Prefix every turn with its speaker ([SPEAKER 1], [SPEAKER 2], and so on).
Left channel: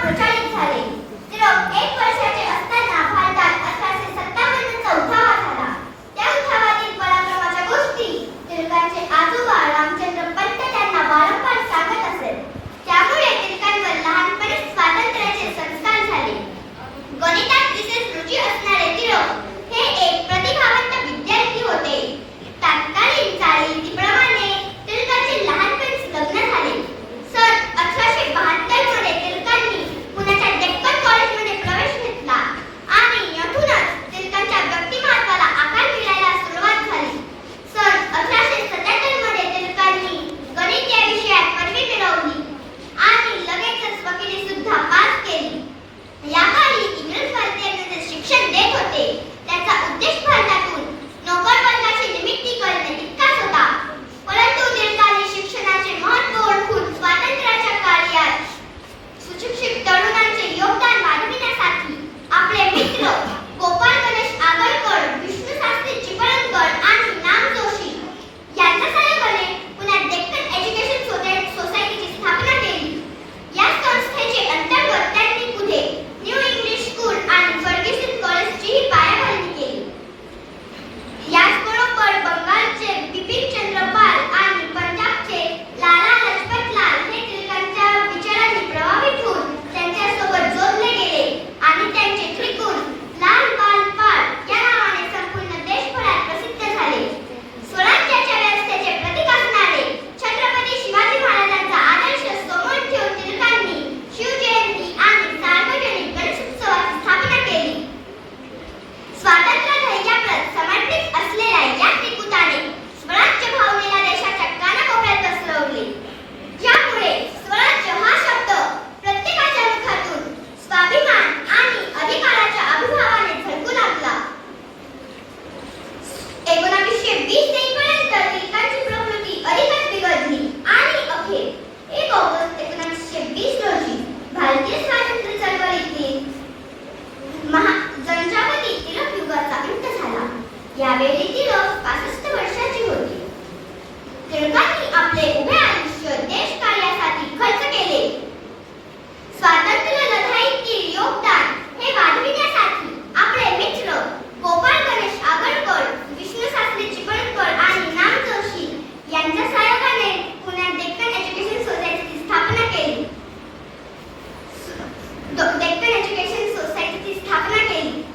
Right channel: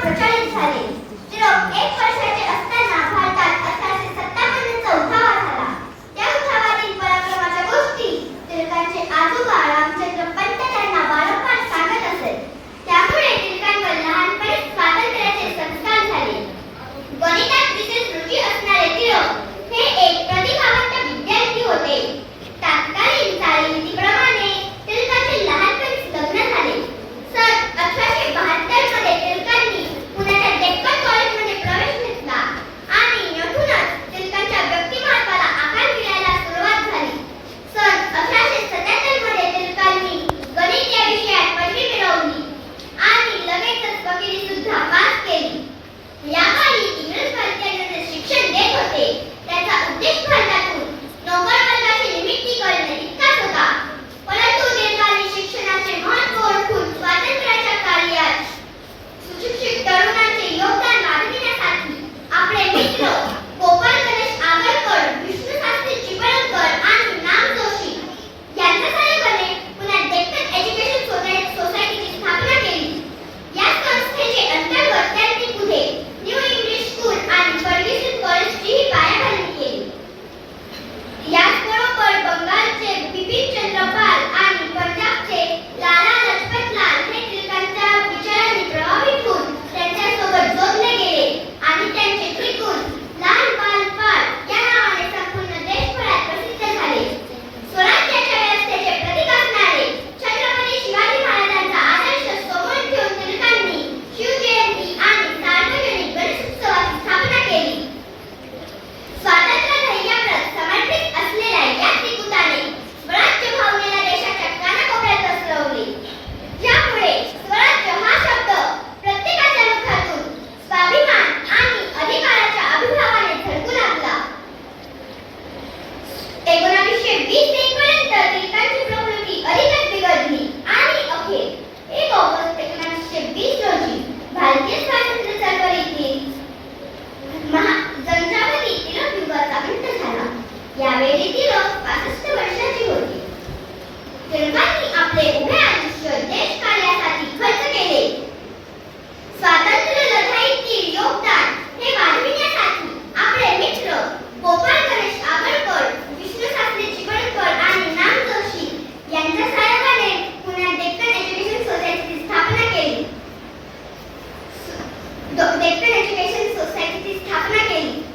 [SPEAKER 1] ಪ್ರಚಲಿತ डेक्कन एज्युकेशन सोसायटीची स्थापना केली.